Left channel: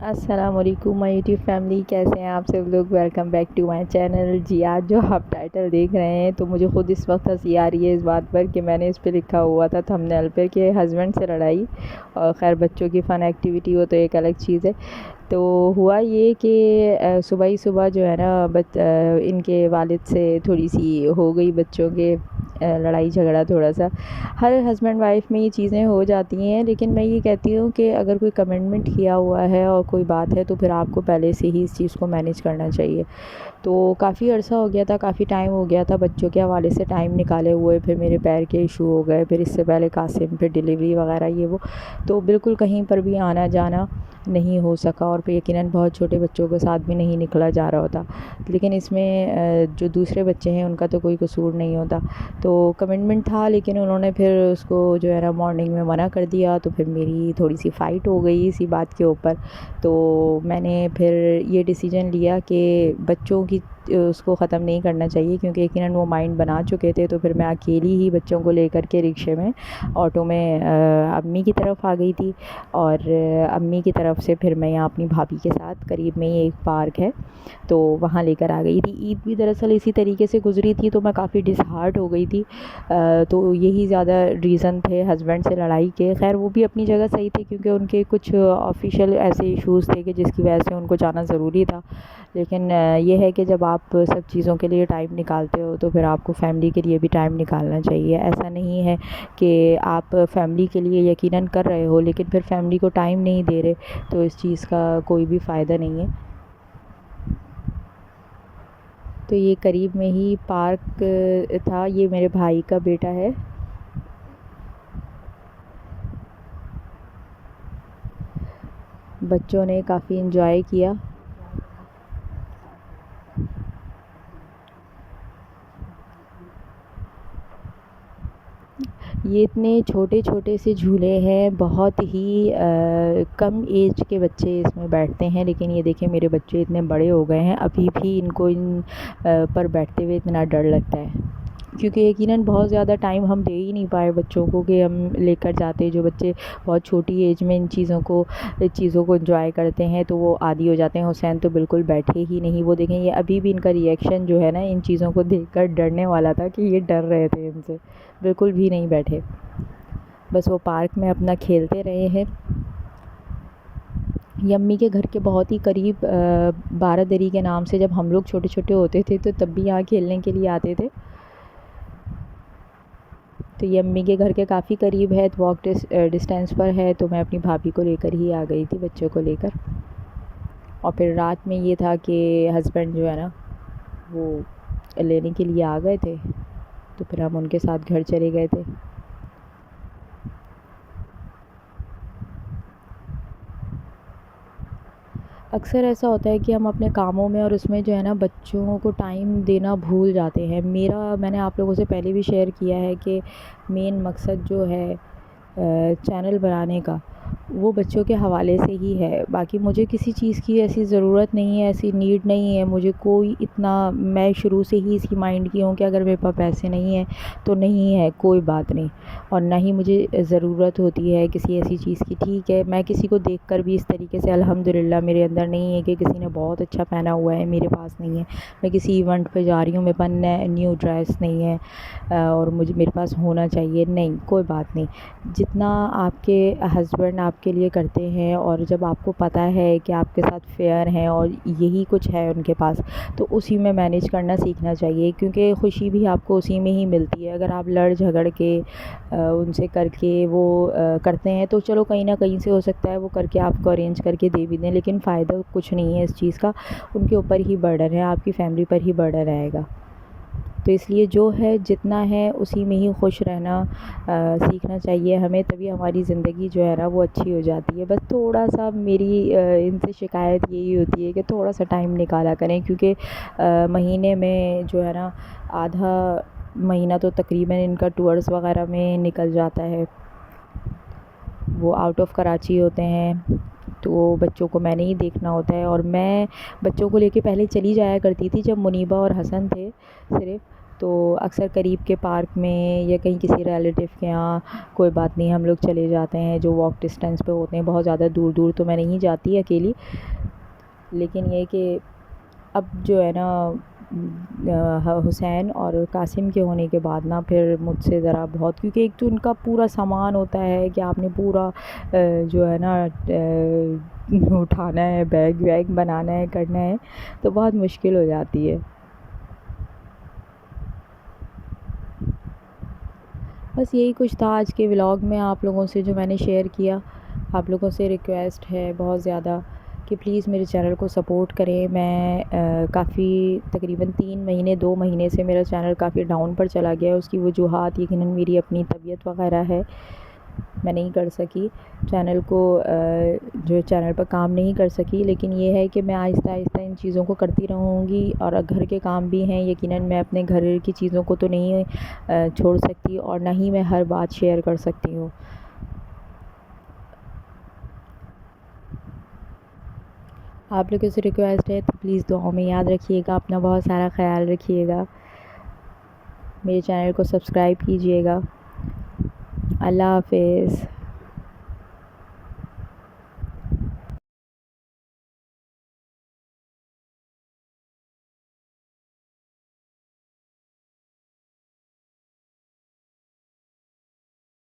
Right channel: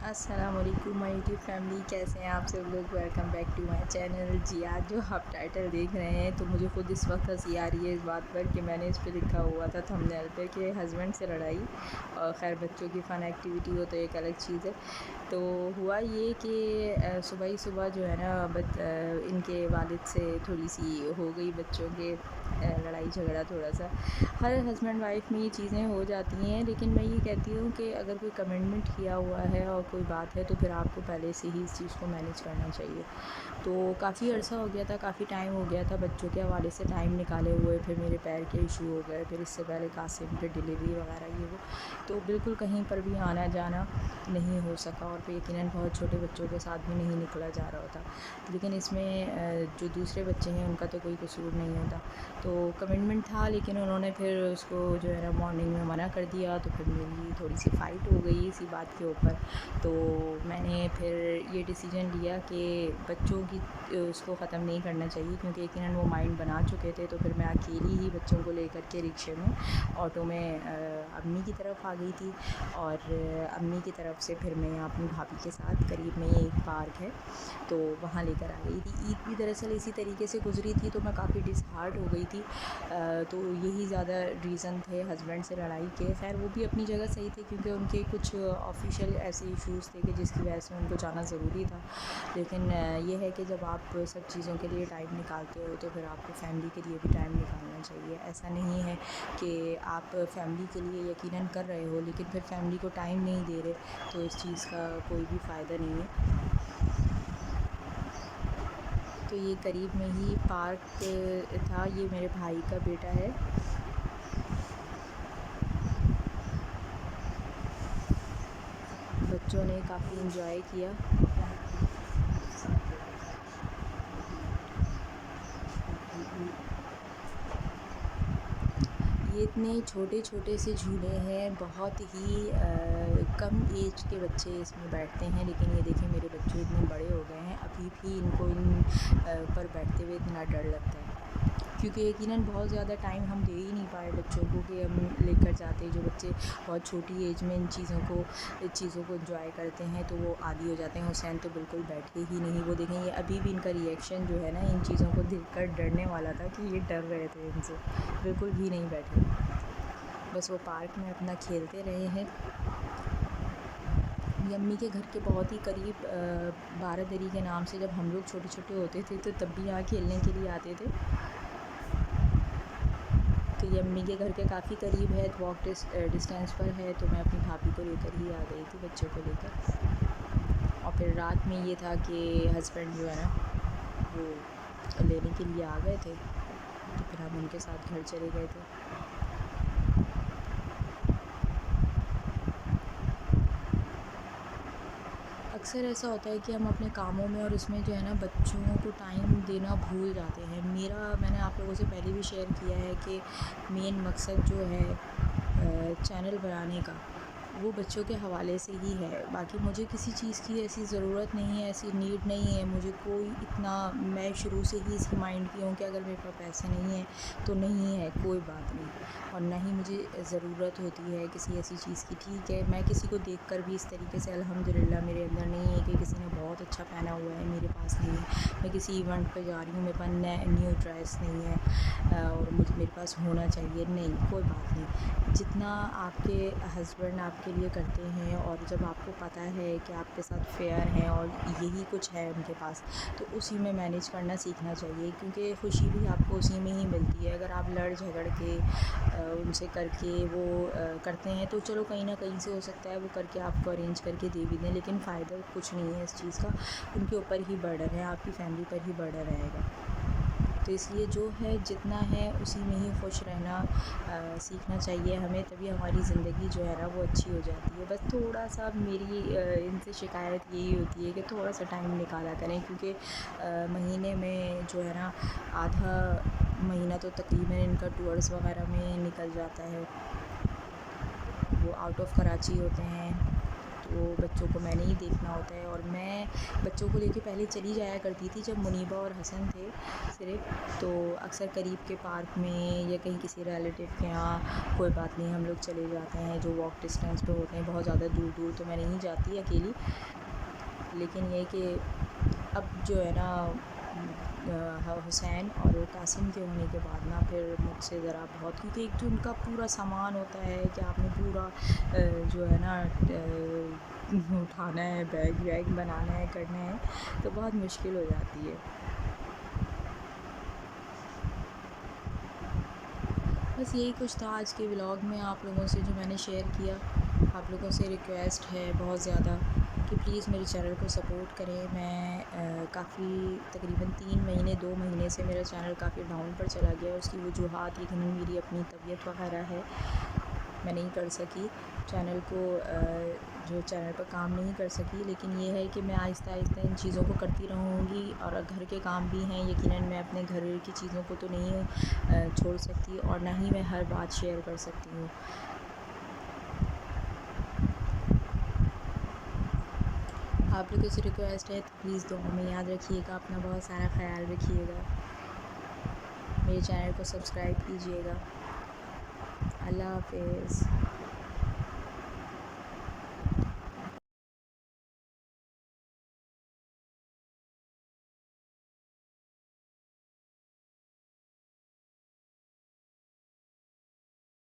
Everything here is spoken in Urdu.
السلام علیکم مائی یوٹیوب فیملی، کیسے ہیں آپ سب لوگ؟ Welcome back to my channel. جی آج جو آپ ٹائٹل دیکھ رہے ہیں تو مجھے خود اس وقت ہنسی آ رہی ہے اس بات پر کہ میں نے اس پہ لکھا ہوا تھا تھمبنیل پہ کہ ہسبینڈ سے لڑائی، اور خیر بچوں کی فن ایکٹیویٹی ہو تو ایک الگ چیز ہے۔ تو ہوا یہ کہ صبح ہی صبح جو ہے نا ان کے والد سے تھوڑی سی ہو گئی بچوں کے لڑائی جھگڑا تھوڑا سا۔ ہر ہسبینڈ وائف میں یہ چیزیں ہو جاتی ہیں، لیکن میں یہ کہتی ہوں کہ اگر کوئی کمٹمنٹ کیا ہوا ہے اور کوئی بات ہے تو پھر آپ کو پہلے سے ہی اس چیز کو مینیج کرنا چاہیے۔ تو کافی عرصہ ہو گیا تھا، کافی ٹائم ہو گیا تھا بچوں کے حوالے سے ٹائم نکالے ہوئے، پھر میرے پیر کے ایشو ہو گئے، پھر اس سے پہلے قاسم، پھر ڈیلیوری وغیرہ یہ وہ، تو بالکل کہیں پر بھی آنا جانا نہیں ہو سکا، اور پھر یقیناً بہت چھوٹے بچوں کے ساتھ بھی نہیں نکلا جا رہا ہوتا۔ لیکن اس میں جو دوسرے بچے ہیں ان کا تو کوئی قصور نہیں ہوتا۔ تو کمٹمنٹ تھا، لیکن انہوں نے پھر اس کو جو ہے نا مارننگ میں منع کر دیا، تو پھر میری تھوڑی سی فائٹ ہو گئی اسی بات کے اوپر۔ تو میں نے پھر یہ ڈیسیجن لیا کہ بچوں کی اس کو ختم نہیں کرنا چاہیے، کیونکہ یقیناً وہ مائنڈ بنا چکے تھے۔ تو پھر میں اکیلی ہی بچوں کو لے کر کے رکشے میں آٹو میں امی کی طرف آ گئی تھی، اور امی کی طرف سے پھر میں یہاں اپنی بھابھی کے ساتھ قریب میں ہی ایک پارک ہے تو وہاں لے کر آ گئی تھی۔ عید بھی دراصل اسی طریقے سے گزری تھی، تو میں کافی ڈس ہارٹ ہو گئی تھی۔ تو یہی زیادہ ریزن تھے ہسبینڈ سے لڑائی کے۔ خیر وہ بھی اپنی جگہ صحیح تھے، کیونکہ ان کے کچھ آفیشیل ایسے ایشوز تھے کہ جس کی وجہ سے ان کو جانا ضروری تھا۔ لیکن یہ ہے کہ جب آپ سب چیزوں کے لیے ٹائم نکالتے ہو تو پھر آپ کو فیملی کے لیے بھی ٹائم نکالنا چاہیے۔ ایسا نہیں ہے کہ آپ فیملی کے لیے یقیناً کر رہے ہو لیکن پھر فیملی کو ٹائم نہیں دے رہے، تو اس چیز کا کوئی بھی فائدہ نہیں ہے۔ تو یہ قریب میں ہی پارک تھا، یہ میرے بھائی کا بیٹا ہے۔ بچوں نے کافی انجوائے کیا۔ یہ اتنے چھوٹے چھوٹے سے جھولے ہیں، بہت ہی کم ایج کے بچے اس میں بیٹھتے ہیں، لیکن یہ دیکھیں میرے بچے اتنے بڑے ہو گئے ہیں، ابھی بھی ان کو ان پر بیٹھتے ہوئے اتنا ڈر لگتا ہے، کیونکہ یقیناً بہت زیادہ ٹائم ہم دے ہی نہیں پائے بچوں کو کہ ہم لے کر جاتے۔ جو بچے بہت چھوٹی ایج میں ان چیزوں کو انجوائے کرتے ہیں تو وہ عادی ہو جاتے ہیں۔ حسین تو بالکل بیٹھے ہی نہیں، وہ دیکھیں یہ ابھی بھی ان کا ریئیکشن جو ہے نا ان چیزوں کو دیکھ کر ڈرنے والا تھا کہ یہ ڈر رہے تھے ان سے، بالکل بھی نہیں بیٹھے، بس وہ پارک میں اپنا کھیلتے رہے ہیں۔ یہ امی کے گھر کے بہت ہی قریب بارہ دری کے نام سے جب ہم لوگ چھوٹے چھوٹے ہوتے تھے تو تب بھی یہاں کھیلنے کے لیے آتے تھے۔ تو یہ امی کے گھر کے کافی قریب ہے، واک ڈسٹینس پر ہے، تو میں اپنی بھابھی کو لے کر ہی آ گئی تھی بچوں کو لے کر۔ اور پھر رات میں یہ تھا کہ ہسبینڈ جو ہے نا وہ لینے کے لیے آ گئے تھے، تو پھر ہم ان کے ساتھ گھر چلے گئے تھے۔ اکثر ایسا ہوتا ہے کہ ہم اپنے کاموں میں اور اس میں جو ہے نا بچوں کو ٹائم دینا بھول جاتے ہیں۔ میں نے آپ لوگوں سے پہلے بھی شیئر کیا ہے کہ مین مقصد جو ہے چینل بنانے کا وہ بچوں کے حوالے سے ہی ہے۔ باقی مجھے کسی چیز کی ایسی ضرورت نہیں ہے، ایسی نیڈ نہیں ہے، مجھے کوئی اتنا، میں شروع سے ہی اسی مائنڈ کی ہوں کہ اگر میرے پاس پیسے نہیں ہیں تو نہیں ہے، کوئی بات نہیں، اور نہ ہی مجھے ضرورت ہوتی ہے کسی ایسی چیز کی۔ ٹھیک ہے میں کسی کو دیکھ کر بھی اس طریقے سے الحمدللہ میرے اندر نہیں ہے کہ کسی نے بہت اچھا پہنا ہوا ہے میرے پاس نہیں ہے، میں کسی ایونٹ پہ جا رہی ہوں میرے پاس نیو ڈریس نہیں ہے اور میرے پاس ہونا چاہیے، نہیں، کوئی بات نہیں۔ جتنا آپ کے ہسبینڈ آپ کے لیے کرتے ہیں اور جب آپ کو پتہ ہے کہ آپ کے ساتھ فیئر ہیں اور یہی کچھ ہے ان کے پاس، تو اسی میں مینیج کرنا سیکھنا چاہیے، کیونکہ خوشی بھی آپ کو اسی میں ہی ملتی ہے۔ اگر آپ لڑ جھگڑ کے ان سے کر کے وہ کرتے ہیں تو چلو کہیں نہ کہیں سے ہو سکتا ہے وہ کر کے آپ کو ارینج کر کے دے بھی دیں، لیکن فائدہ کچھ نہیں ہے اس چیز کا، ان کے اوپر ہی برڈن ہے، آپ کی فیملی پر ہی برڈن رہے گا۔ تو اس لیے جو ہے جتنا ہے اسی میں ہی خوش رہنا سیکھنا چاہیے ہمیں، تبھی ہماری زندگی جو ہے نا وہ اچھی ہو جاتی ہے۔ بس تھوڑا سا میری ان سے شکایت یہی ہوتی ہے کہ تھوڑا سا ٹائم نکالا کریں، کیونکہ مہینے میں جو ہے نا آدھا مہینہ تو تقریباً ان کا ٹورز وغیرہ میں نکل جاتا ہے، وہ آؤٹ آف کراچی ہوتے ہیں تو بچوں کو میں نے ہی دیکھنا ہوتا ہے، اور میں بچوں کو لے کے پہلے چلی جایا کرتی تھی جب منیبہ اور حسن تھے صرف، تو اکثر قریب کے پارک میں یا کہیں کسی ریلیٹیو کے یہاں کوئی بات نہیں ہم لوگ چلے جاتے ہیں جو واک ڈسٹینس پہ ہوتے ہیں، بہت زیادہ دور دور تو میں نہیں جاتی اکیلی. لیکن یہ کہ اب جو ہے نا حسین اور قاسم کے ہونے کے بعد نا پھر مجھ سے ذرا بہت، کیونکہ ایک تو ان کا پورا سامان ہوتا ہے کہ آپ نے پورا جو ہے نا اٹھانا ہے، بیگ ویگ بنانا ہے، کرنا ہے، تو بہت مشکل ہو جاتی ہے. بس یہی کچھ تھا آج کے ولاگ میں آپ لوگوں سے جو میں نے شیئر کیا. آپ لوگوں سے ریکویسٹ ہے بہت زیادہ کہ پلیز میرے چینل کو سپورٹ کریں. میں کافی تقریباً 2 مہینے سے میرا چینل کافی ڈاؤن پر چلا گیا ہے. اس کی وجوہات یقیناً میری اپنی طبیعت وغیرہ ہے، میں نہیں کر سکی چینل کو، جو چینل پر کام نہیں کر سکی. لیکن یہ ہے کہ میں آہستہ آہستہ ان چیزوں کو کرتی رہوں گی، اور گھر کے کام بھی ہیں یقیناً، میں اپنے گھر کی چیزوں کو تو نہیں چھوڑ سکتی، اور نہ ہی میں ہر بات شیئر کر سکتی ہوں. آپ لوگوں سے ریکویسٹ ہے تو پلیز دعاؤں میں یاد رکھیے گا، اپنا بہت سارا خیال رکھیے گا، میرے چینل کو سبسکرائب کیجیے گا. اللہ حافظ.